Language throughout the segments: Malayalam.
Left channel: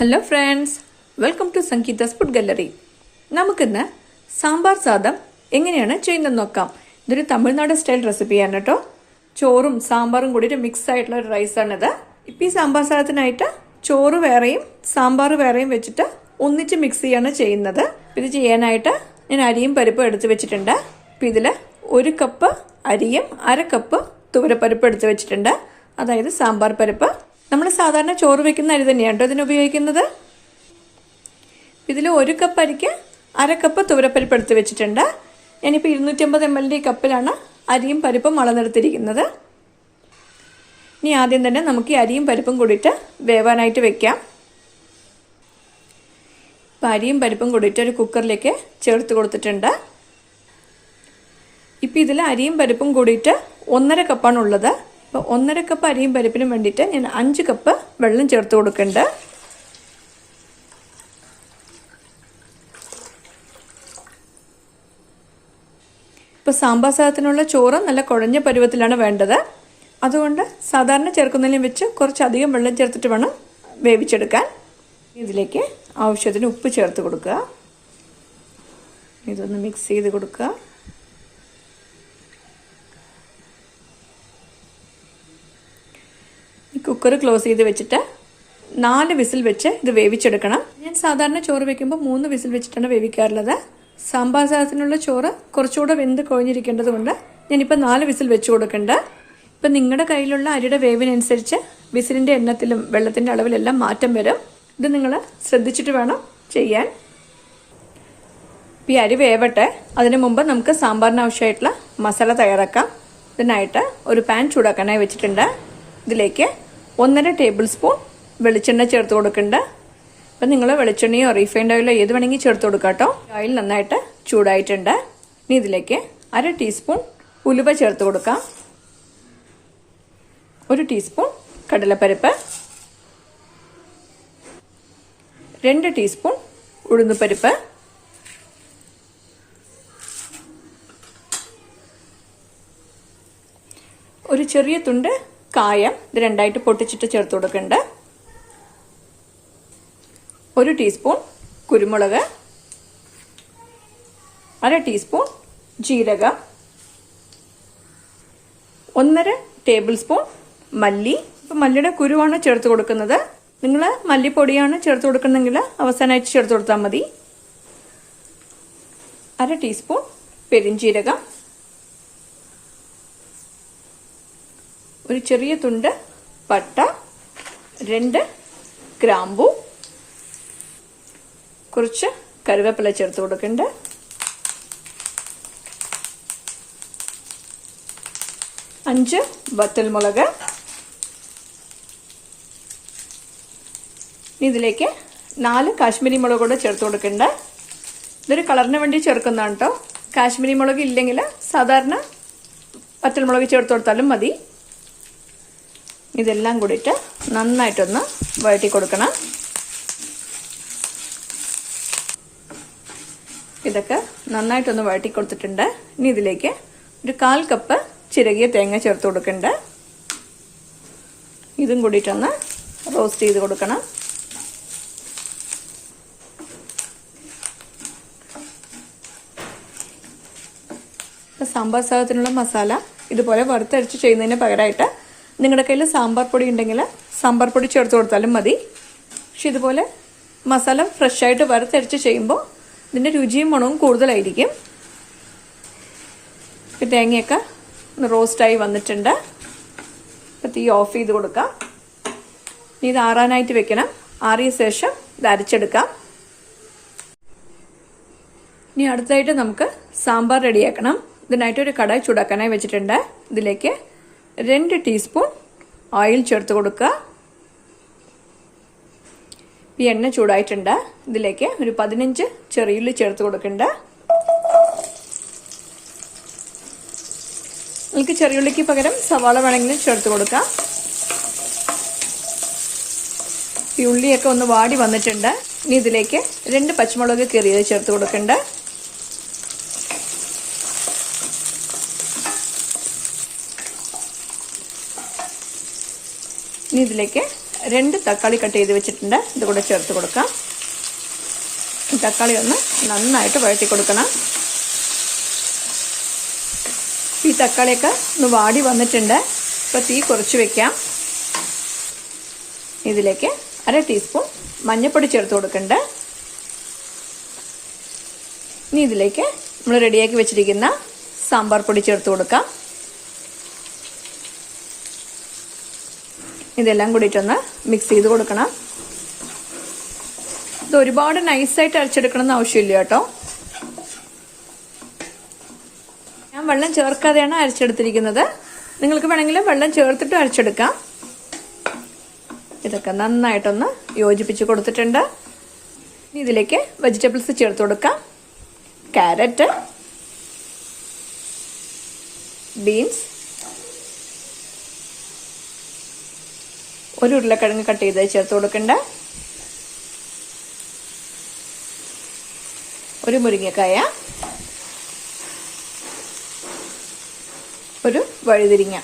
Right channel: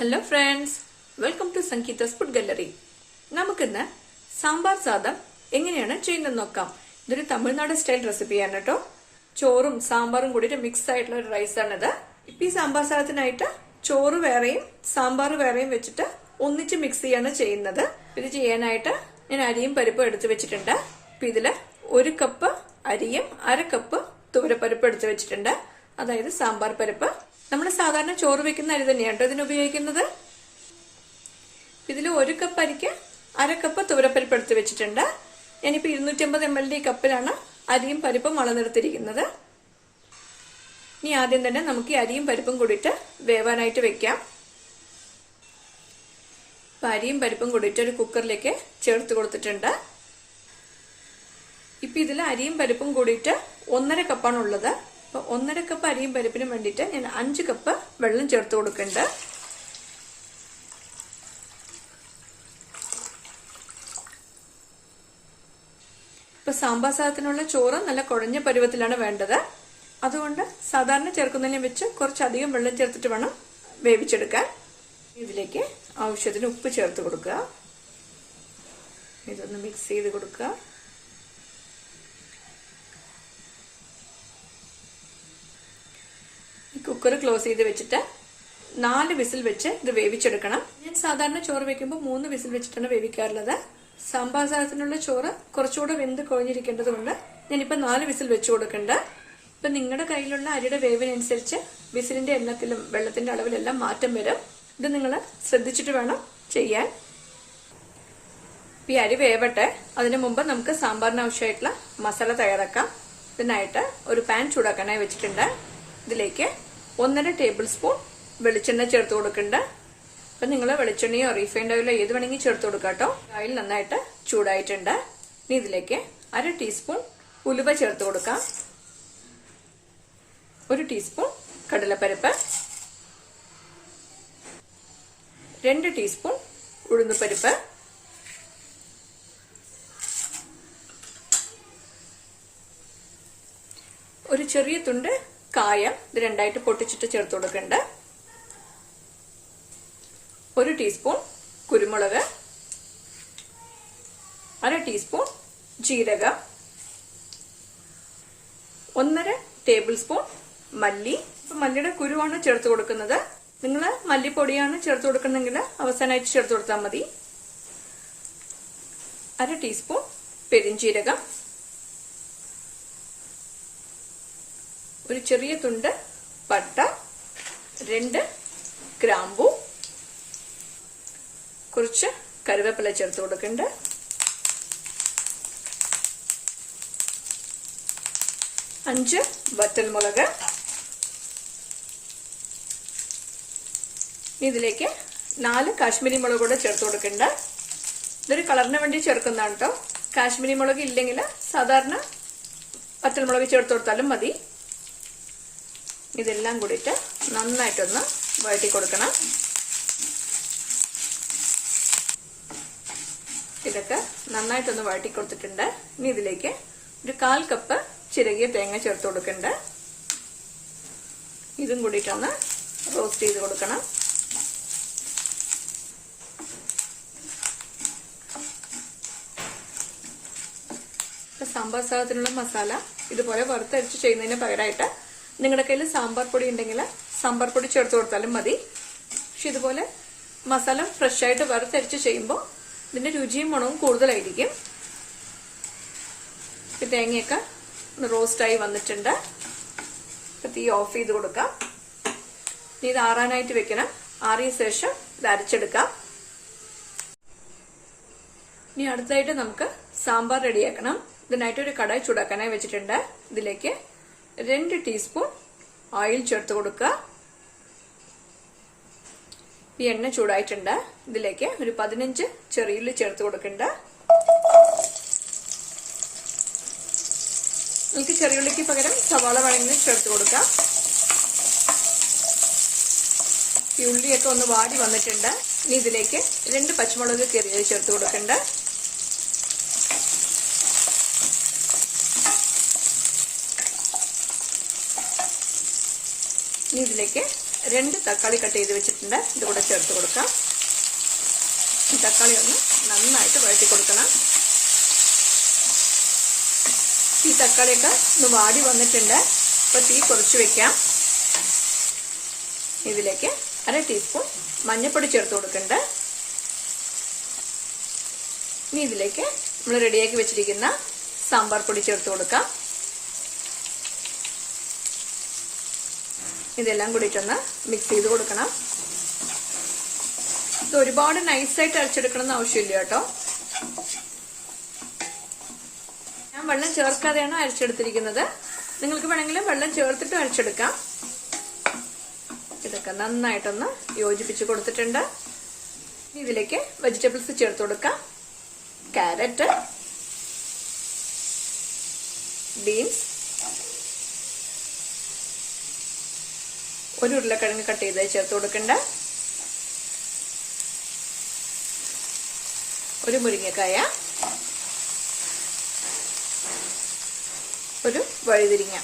Hello friends, welcome to Sangeetha's food gallery. നമുക്കിന്ന് സാമ്പാർ സാദം എങ്ങനെയാണ് ചെയ്യുന്നത് നോക്കാം. ഇതൊരു തമിഴ്നാട് സ്റ്റൈൽ റെസിപ്പിയാണ് കേട്ടോ. ചോറും സാമ്പാറും കൂടി ഒരു മിക്സ് ആയിട്ടുള്ള ഒരു റൈസാണിത്. ഇപ്പം ഈ സാമ്പാർ സാദത്തിനായിട്ട് ചോറ് വേറെയും സാമ്പാർ വേറെയും വെച്ചിട്ട് ഒന്നിച്ച് മിക്സ് ചെയ്യാണ് ചെയ്യുന്നത്. ഇത് ചെയ്യാനായിട്ട് ഞാൻ അരിയും പരിപ്പും എടുത്ത് വെച്ചിട്ടുണ്ട്. ഇപ്പം ഇതിൽ 1 കപ്പ് അരിയും 1/2 കപ്പ് തുവരപ്പരിപ്പ് എടുത്ത് വെച്ചിട്ടുണ്ട്. അതായത് സാമ്പാർ പരിപ്പ്. നമ്മൾ സാധാരണ ചോറ് വെക്കുന്ന അരി തന്നെയാണ് കേട്ടോ ഇതിന് ഉപയോഗിക്കുന്നത്. ഇതിൽ 1 കപ്പ് അരിക്ക് 1/2 കപ്പ് തുവരപ്പരിപ്പ് എടുത്ത് വെച്ചിട്ടുണ്ട്. ഞാനിപ്പോൾ 250 ml കപ്പിലാണ് അരിയും പരിപ്പും അളന്നെടുത്തിരിക്കുന്നത്. ഇനി ആദ്യം തന്നെ നമുക്ക് ഈ അരിയും പരിപ്പും കൂടിയിട്ട് വേവാനായിട്ട് വെക്കാം. ഇപ്പം അരിയും പരിപ്പും കൂടിയിട്ട് ഒരു കുക്കറിലേക്ക് ചേർത്ത് കൊടുത്തിട്ടുണ്ട്. ഇപ്പം ഇതിൽ അരിയും പരിപ്പും കൂടിയിട്ട് 1.5 കപ്പാണ് ഉള്ളത്. അപ്പോൾ 1.5 കപ്പ് അരിയും പരിപ്പിനും വേണ്ടിയിട്ട് ഞാൻ 5 കപ്പ് വെള്ളം ചേർത്ത് കൊടുക്കുന്നുണ്ട്. ഇപ്പോൾ സാമ്പാർ സാദത്തിനുള്ള ചോറ് നല്ല കുഴഞ്ഞ പരുവത്തിലാണ് വേണ്ടത്. അതുകൊണ്ട് സാധാരണ ചേർക്കുന്നതിനും വെച്ച് കുറച്ചധികം വെള്ളം ചേർത്തിട്ട് വേണം വേവിച്ചെടുക്കാൻ. ഇതിലേക്ക് ആവശ്യത്തിന് ഉപ്പ് ചേർത്ത് കൊടുക്കുക. ഇതൊന്ന് മിക്സ് ചെയ്ത് കൊടുക്കുക. കുക്കർ ക്ലോസ് ചെയ്ത് വെച്ചിട്ട് 4 വിസിൽ വെച്ച് ഇത് വേവിച്ചെടുക്കണം. ഞാൻ സാധാരണ ചോറ് വെക്കുമ്പോൾ 3 വിസിൽ വെച്ചിട്ടാണ് വേവിക്കാറുള്ളത്. സാമ്പാർ സാദത്തിനുള്ള ചോറ് കുറച്ചുകൂടെ വെന്ത് കുഴഞ്ഞിരിക്കേണ്ടത് കൊണ്ട് ഞാനിപ്പോൾ 4 വിസിൽ വെച്ച് കൊടുക്കുന്നുണ്ട്. ഇപ്പം നിങ്ങളുടെ കയ്യിലുള്ള അരിയുടെ വേവിനനുസരിച്ച് വിസിലിന്റെ എണ്ണത്തിലും വെള്ളത്തിന്റെ അളവിലെല്ലാം മാറ്റം വരും. ഇത് നിങ്ങൾ ശ്രദ്ധിച്ചിട്ട് വേണം ചെയ്യാൻ. ഈ അരി വേവട്ടെ. അതിനു മുമ്പ് നമുക്ക് സാമ്പാറിന് ആവശ്യമായിട്ടുള്ള മസാല തയ്യാറാക്കാം. ഇതിനായിട്ട് ഒരു പാൻ ചൂടാക്കാനായി വെച്ചിട്ടുണ്ട്. ഇതിലേക്ക് 1.5 ടേബിൾ സ്പൂൺ വെളിച്ചെണ്ണ ചേർത്ത് കൊടുക്കുന്നുണ്ട്. അപ്പം നിങ്ങൾ വെളിച്ചെണ്ണയോ റീഫൈൻഡ് ഓയിലോ ഏത് വേണമെങ്കിൽ ചേർത്ത് കൊടുക്കാം കേട്ടോ. ഓയിൽ നന്നായിട്ട് ചൂടായിട്ടുണ്ട്. ഇനി ഇതിലേക്ക് 1/2 ടീസ്പൂൺ ഉലുവ ചേർത്ത് കൊടുക്കാം. 1 ടീസ്പൂൺ കടലപ്പരിപ്പ്, 2 ടീസ്പൂൺ ഉഴുന്നുപരിപ്പ്, ഒരു ചെറിയ തുണ്ട് കായം ഇത് രണ്ടായിട്ട് പൊട്ടിച്ചിട്ട് ചേർത്ത് കൊടുക്കുന്നുണ്ട്. 1 ടീസ്പൂൺ കുരുമുളക്, 1/2 ടീസ്പൂൺ ജീരകം, 1.5 ടേബിൾ സ്പൂൺ മല്ലി. ഇപ്പം മല്ലിയുടെ കുരുവാണ് ചേർത്ത് കൊടുക്കുന്നത്. നിങ്ങൾ മല്ലിപ്പൊടിയാണ് ചേർത്ത് കൊടുക്കുന്നെങ്കിൽ അവസാനമായിട്ട് ചേർത്ത് കൊടുത്താൽ മതി. 1/2 ടീസ്പൂൺ പെരിഞ്ജീരകം, ഒരു ചെറിയ തുണ്ട് പട്ട, 2 ഗ്രാമ്പു, കുറച്ച് കറിവേപ്പില ചേർത്ത് കൊടുക്കുന്നുണ്ട്. 5 വറ്റൽമുളക്. ഇതിലേക്ക് 4 കാശ്മീരി മുളക് കൂടെ ചേർത്ത് കൊടുക്കുന്നുണ്ട്. ഇതൊരു കളറിന് വേണ്ടി ചേർക്കുന്നതാണ് കേട്ടോ. കാശ്മീരി മുളക് ഇല്ലെങ്കിൽ സാധാരണ വറ്റൽമുളക് ചേർത്ത് കൊടുത്താലും മതി. ഇതെല്ലാം കൂടിയിട്ട് നന്നായിട്ടൊന്ന് വഴറ്റി കൊടുക്കണം. ഇതൊക്കെ നന്നായിട്ടൊന്ന് വഴറ്റി കൊടുത്തിട്ടുണ്ട്. ഇനി ഇതിലേക്ക് ഒരു 1/4 കപ്പ് ചിരകിയ തേങ്ങ ചേർത്ത് കൊടുക്കുന്നുണ്ട്. ഇതും കൂടിയിട്ടൊന്ന് റോസ്റ്റ് ചെയ്ത് കൊടുക്കണം. സാമ്പാർ സാദത്തിനുള്ള മസാല ഇതുപോലെ വറുത്തരച്ച് ചെയ്യുന്നതിന് പകരമായിട്ട് നിങ്ങളുടെ കയ്യിൽ സാമ്പാർ പൊടി ഉണ്ടെങ്കിൽ സാമ്പാർ പൊടി ചേർത്ത് കൊടുത്താലും മതി. പക്ഷെ ഇതുപോലെ മസാല ഫ്രഷ് ആയിട്ട് വറുത്തരച്ച് ചെയ്യുമ്പോൾ ഇതിന്റെ രുചിയും മണവും കൂടുതലായിരിക്കും. ഇപ്പം തേങ്ങയൊക്കെ റോസ്റ്റായി വന്നിട്ടുണ്ട്. ഇപ്പം തീ ഓഫ് ചെയ്ത് കൊടുക്കാം. ഇനി ഇത് ആറാനായിട്ട് വെക്കണം. ആറിയ ശേഷം ഇത് അരച്ചെടുക്കാം. ഇനി അടുത്തായിട്ട് നമുക്ക് സാമ്പാർ റെഡിയാക്കണം. ഇതിനായിട്ട് ഒരു കടായി ചൂടാക്കാനായി വെച്ചിട്ടുണ്ട്. ഇതിലേക്ക് 2 ടീസ്പൂൺ ഓയിൽ ചേർത്ത് കൊടുക്കുക. ഈ എണ്ണ ചൂടായിട്ടുണ്ട്. ഇതിലേക്ക് ഒരു 15 ചെറിയുള്ളി ചേർത്ത് കൊടുക്കുന്നുണ്ട്. നിങ്ങൾക്ക് ചെറിയുള്ളിക്ക് പകരം സവാള വേണമെങ്കിലും ചേർത്ത് കൊടുക്കാം. ഈ ഉള്ളിയൊക്കെ ഒന്ന് വാടി വന്നിട്ടുണ്ട്. ഇനി ഇതിലേക്ക് 2 പച്ചമുളക് കീറിയത് ചേർത്ത് കൊടുക്കുന്നുണ്ട്. ഇനി ഇതിലേക്ക് 2 തക്കാളി കട്ട് ചെയ്ത് വെച്ചിട്ടുണ്ട്. ഇത് കൂടെ ചേർത്ത് കൊടുക്കാം. ഈ തക്കാളി ഒന്ന് നന്നായിട്ട് വഴറ്റി കൊടുക്കണം. ഈ തക്കാളിയൊക്കെ ഒന്ന് വാടി വന്നിട്ടുണ്ട്. ഇപ്പോൾ തീ കുറച്ച് വെക്കാം. ഇതിലേക്ക് 1/2 ടീസ്പൂൺ മഞ്ഞൾപ്പൊടി ചേർത്ത് കൊടുക്കുന്നുണ്ട്. ഇനി ഇതിലേക്ക് നമ്മൾ റെഡിയാക്കി വെച്ചിരിക്കുന്ന സാമ്പാർ പൊടി ചേർത്ത് കൊടുക്കാം. ഇതെല്ലാം കൂടിയിട്ടൊന്ന് മിക്സ് ചെയ്ത് കൊടുക്കണം. ഇത് ഒരുപാട് നൈസായിട്ട് അരച്ചെടുക്കണമെന്ന് ആവശ്യമില്ല കേട്ടോ. ഞാൻ വെള്ളം ചേർക്കാതെയാണ് അരച്ചെടുത്തിരിക്കുന്നത്. നിങ്ങൾക്ക് വേണമെങ്കിൽ വെള്ളം ചേർത്തിട്ട് അരച്ചെടുക്കാം. ഇതൊക്കെ നന്നായിട്ടൊന്ന് യോജിപ്പിച്ച് കൊടുത്തിട്ടുണ്ട്. ഇനി ഇതിലേക്ക് വെജിറ്റബിൾസ് ചേർത്ത് കൊടുക്കാം. ക്യാരറ്റ്, ബീൻസ്, ഒരു ഉരുളക്കിഴങ്ങ് കട്ട് ചെയ്ത് ചേർത്ത് കൊടുക്കണ്ട, ഒരു മുരിങ്ങക്കായ, ഒരു വഴുതിരിങ്ങ.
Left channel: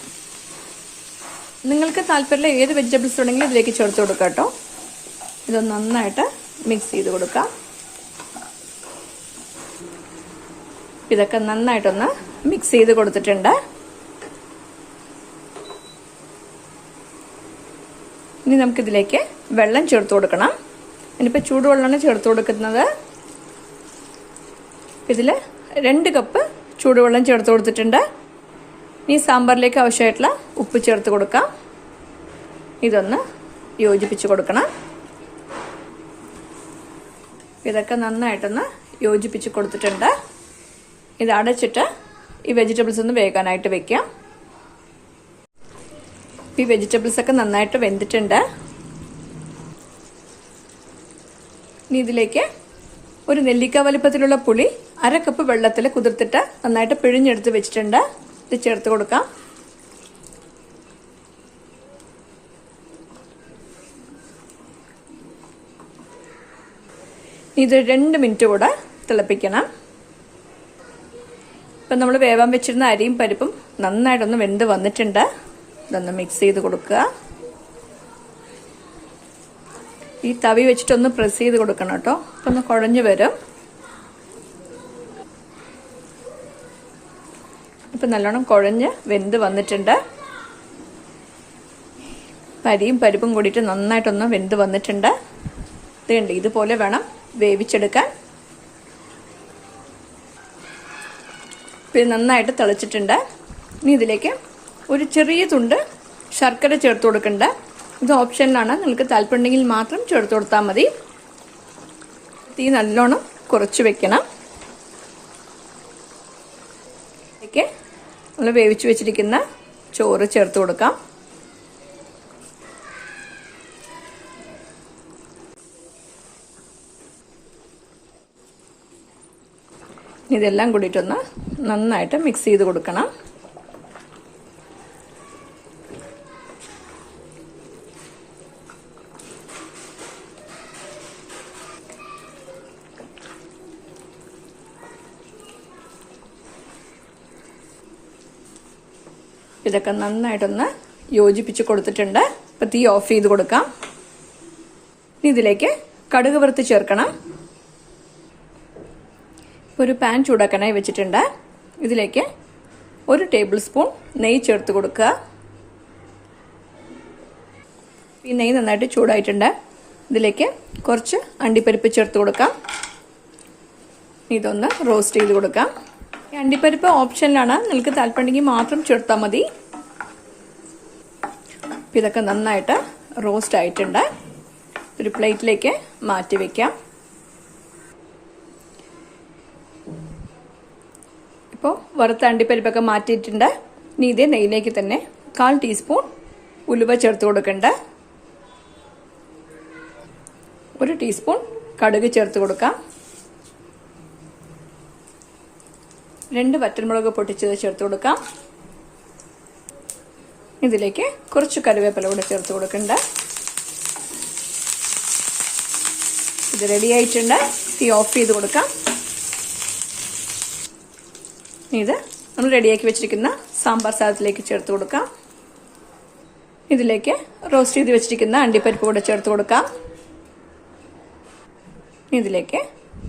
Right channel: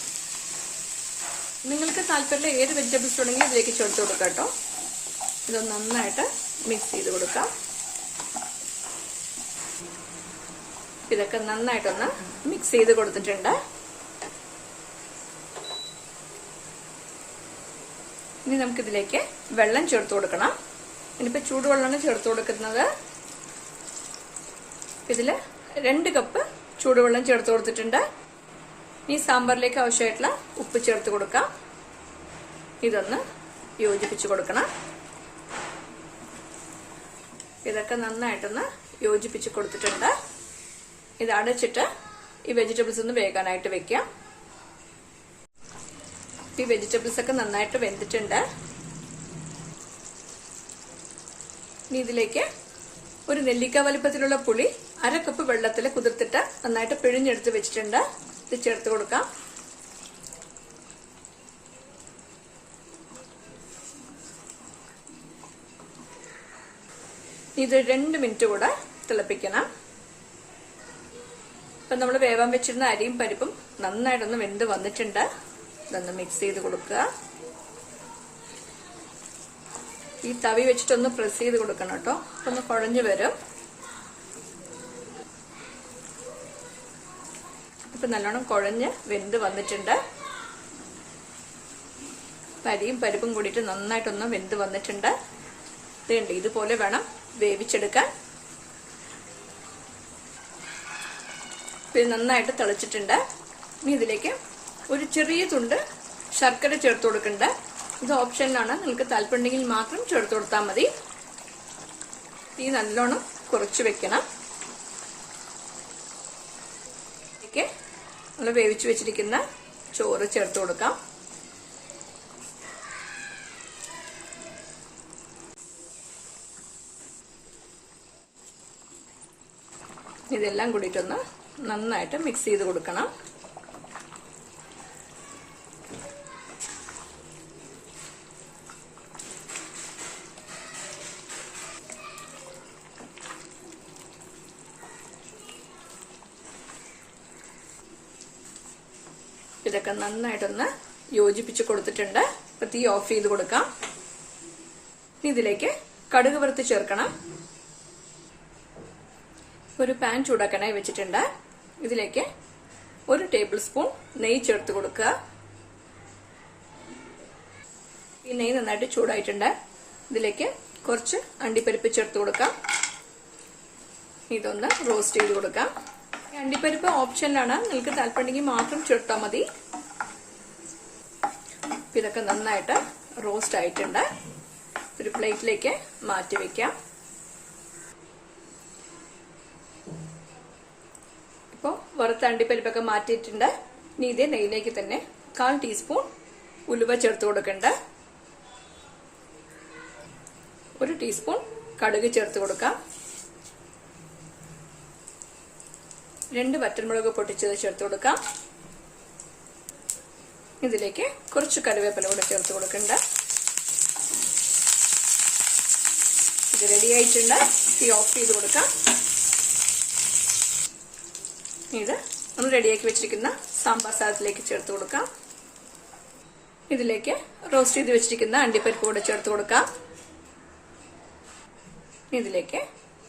നിങ്ങൾക്ക് താല്പര്യമുള്ള ഏത് വെജിറ്റബിൾസ് ഉണ്ടെങ്കിലും ഇതിലേക്ക് ചേർത്ത് കൊടുക്കാം കേട്ടോ. ഇതൊന്ന് നന്നായിട്ട് മിക്സ് ചെയ്ത് കൊടുക്കാം. ഇതൊക്കെ നന്നായിട്ടൊന്ന് മിക്സ് ചെയ്ത് കൊടുത്തിട്ടുണ്ട്. ഇനി നമുക്കിതിലേക്ക് വെള്ളം ചേർത്ത് കൊടുക്കണം. ഇനിയിപ്പോൾ ചൂടുവെള്ളമാണ് ചേർത്ത് കൊടുക്കുന്നത്. ഇതിൽ 2 കപ്പ് ചൂടുവെള്ളം ചേർത്ത് കൊടുത്തിട്ടുണ്ട്. ഇനി സാമ്പാറിലേക്ക് ആവശ്യമായിട്ടുള്ള ഉപ്പ് ചേർത്ത് കൊടുക്കാം. ഇതൊന്ന് യോജിപ്പിച്ച് കൊടുക്കണം. ഇതൊക്കെ നന്നായിട്ടൊന്ന് യോജിപ്പിച്ച് കൊടുത്തിട്ടുണ്ട്. ഇത് അടച്ചിട്ട് ഈ വെജിറ്റബിൾസ് ഒന്ന് വേകാനായിട്ട് വെക്കാം. ഈ വെജിറ്റബിൾസ് ഒക്കെ നന്നായിട്ട് വെന്തിട്ടുണ്ട്. ഇനി ഇതിലേക്ക് ഒരു നെല്ലിക്ക വലിപ്പത്തിലുള്ള പുളി 1/2 കപ്പ് വെള്ളത്തിൽ കുതിർത്തിട്ട് നന്നായിട്ട് പിഴിഞ്ഞെടുത്ത് വെച്ചിട്ടുണ്ട്. ഇത് ചേർത്ത് കൊടുക്കാം. ഇത് 2 മിനിറ്റ് കൂടെ തിളപ്പിക്കണം. ഇപ്പം നമ്മൾ വേവാൻ വെച്ചിരുന്ന അരിയും പരിപ്പും നന്നായിട്ടൊന്ന് വെന്ത് വന്നിട്ടുണ്ട്. ഇതൊന്ന് മിക്സ് ചെയ്ത് കൊടുക്കുക. ഈ തവി വെച്ചിട്ടൊന്ന് പ്രസ് ചെയ്ത് കൊടുക്കണം കേട്ടോ. ഒന്ന് കുഴഞ്ഞു വരും. ഇപ്പം നല്ലോണം കുഴഞ്ഞ് വെന്ത് വന്നിട്ടുണ്ട്. അരിയും പരിപ്പും കൂടിയിട്ട് നന്നായിട്ടൊന്ന് വെന്ത് വന്നിട്ടുണ്ട്. ഇതുണ്ട്, ഇതുപോലെ വേണം വേവിച്ചെടുക്കാൻ. പിന്നെ നന്നായിട്ട് തിളച്ചിട്ടുണ്ട്. ഇനി ഇതിലേക്ക് ഒരു ചെറിയ തുണ്ട് ശർക്കര ചേർത്ത് കൊടുക്കണ്ട. ഇത് ഓപ്ഷനിലാണ്. നിങ്ങൾക്ക് താല്പര്യമുണ്ടെങ്കിൽ മാത്രം ചേർത്ത് കൊടുത്താൽ മതി. തീ നല്ലോണം കുറച്ച് വെക്കണം. ഇതിലേക്ക് നമ്മൾ വേവിച്ച് വെച്ചിരിക്കുന്ന ചോറ് ചേർത്ത് കൊടുക്കാം. ഇതെല്ലാം കൂടിയിട്ടൊന്ന് നന്നായിട്ട് മിക്സ് ചെയ്ത് കൊടുക്കണം. ഇതൊക്കെ നന്നായിട്ടൊന്ന് യോജിപ്പിച്ച് കൊടുത്തിട്ടുണ്ട്. ഇപ്പൊ തീ ഓഫ് ചെയ്ത് കൊടുക്കാം. ഇതിലേക്ക് കടുക് വറുത്ത് ചേർക്കണം. ഒരു പാൻ ചൂടാക്കാനായി വെച്ചിട്ടുണ്ട്. ഇതിലേക്ക് 1 ടേബിൾ സ്പൂൺ നെയ്യ് ചേർത്ത് കൊടുക്കുക. ഈ നെയ്യ് നന്നായിട്ട് ചൂടായിട്ടുണ്ട്. ഇതിലേക്ക് കുറച്ച് അണ്ടിപ്പരിപ്പ് ചേർത്ത് കൊടുക്കാം. ഇതൊന്ന് റോസ്റ്റ് ചെയ്ത് കൊടുക്കാം. ഈ അണ്ടിപ്പരിപ്പ് ഓപ്ഷനിലാണ്. നിങ്ങൾക്ക് താല്പര്യമുണ്ടെങ്കിൽ മാത്രം ചേർത്താൽ മതി. ഇതൊക്കെ നന്നായിട്ട് റോസ്റ്റ് ആയിട്ടുണ്ട്. ഒരു പ്ലേറ്റിലേക്ക് മാറ്റി വെക്കാം. ഇപ്പോൾ വറുത്ത അണ്ടിപ്പരിപ്പൊക്കെ മാറ്റിയിട്ടുണ്ട്. ഇനി ഇതേ നെയ്യിലേക്ക് തന്നെ 1/4 ടീസ്പൂൺ ഉലുവ ചേർത്ത് കൊടുക്കണ്ട. 1 ടീസ്പൂൺ കടുക് ചേർത്ത് കൊടുക്കാം. 2 വറ്റൽമുളക് പൊട്ടിച്ചത് ചേർത്ത് കൊടുക്കാം. ഇതിലേക്ക് കുറച്ച് കറിവേപ്പില കൂടെ ചേർത്ത് കൊടുക്കണ്ട. ഇത് റെഡി ആയിട്ടുണ്ട്. തീ ഓഫ് ചെയ്ത് കൊടുക്കാം. ഇത് നമ്മൾ റെഡിയാക്കി വെച്ചിരിക്കുന്ന സാമ്പാർ സാധത്തിലേക്ക് ചേർത്ത് കൊടുക്കാം. ഇതിലേക്ക് റോസ്റ്റ് ചെയ്ത് വെച്ചിരിക്കുന്ന അണ്ടിപ്പരിപ്പ് കൂടെ ചേർത്ത് കൊടുക്കാം. ഇതിലേക്ക്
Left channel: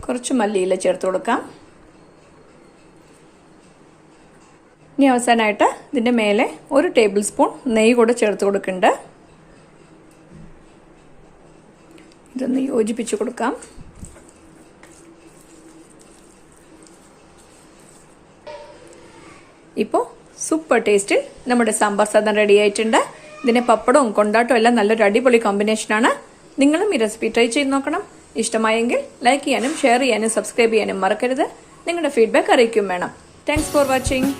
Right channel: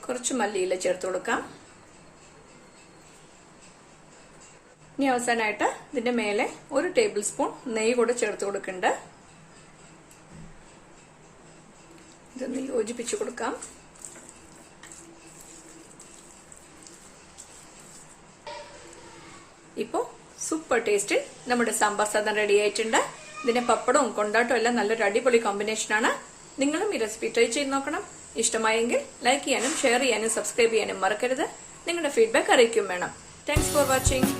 കുറച്ച് മല്ലിയില ചേർത്ത് കൊടുക്കാം. ഇനി അവസാനമായിട്ട് ഇതിന്റെ മേലെ 1 ടേബിൾ സ്പൂൺ നെയ്യ് കൂടെ ചേർത്ത് കൊടുക്കുന്നുണ്ട്. ഇതൊന്ന് യോജിപ്പിച്ചു കൊടുക്കാം. ഇപ്പോൾ സൂപ്പർ ടേസ്റ്റിൽ നമ്മുടെ സാമ്പാർ സാധം റെഡി ആയിട്ടുണ്ട്. ഇതിന്റെ പപ്പടവും കൊണ്ടാട്ടവും എല്ലാം നല്ലൊരു അടിപൊളി കോമ്പിനേഷനാണ്. നിങ്ങളും ഈ റെസിപ്പി ട്രൈ ചെയ്ത് നോക്കണം. ഇഷ്ടമായെങ്കിൽ ലൈക്ക് ചെയ്യാനും ഷെയർ ചെയ്യാനും സബ്സ്ക്രൈബ് ചെയ്യാനും മറക്കരുത്. നിങ്ങളുടെ ഫീഡ്ബാക്ക് അറിയിക്കും വേണം. Thanks for watching.